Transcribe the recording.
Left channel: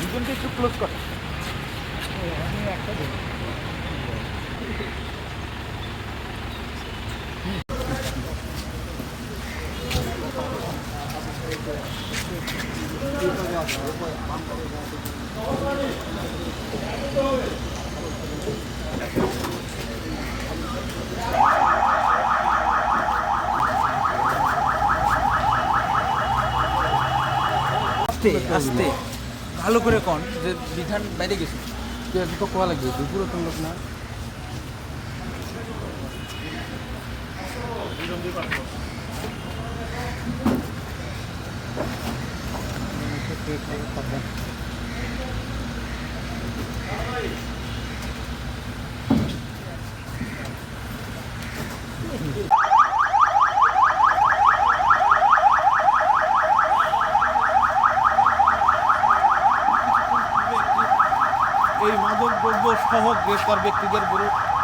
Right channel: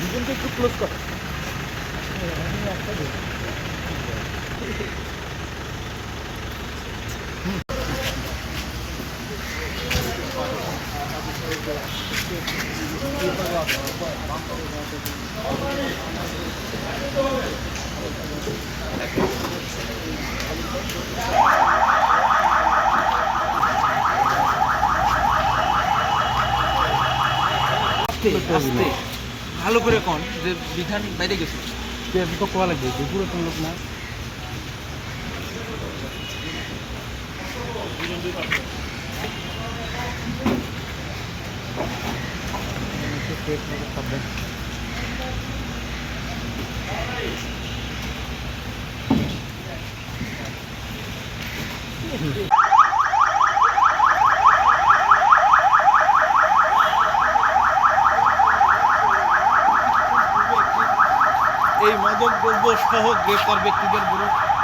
무전대표 플러스가 어, 아니 아까도 뭐. ভালো করে কন যে বিধান বাইরে গেছে। তো কোয়া লাগবে? দুপুরে কোন লোক না? এই মাদক দ্রব্য সহ গ্রেফতার ব্যক্তিদের বিরুদ্ধে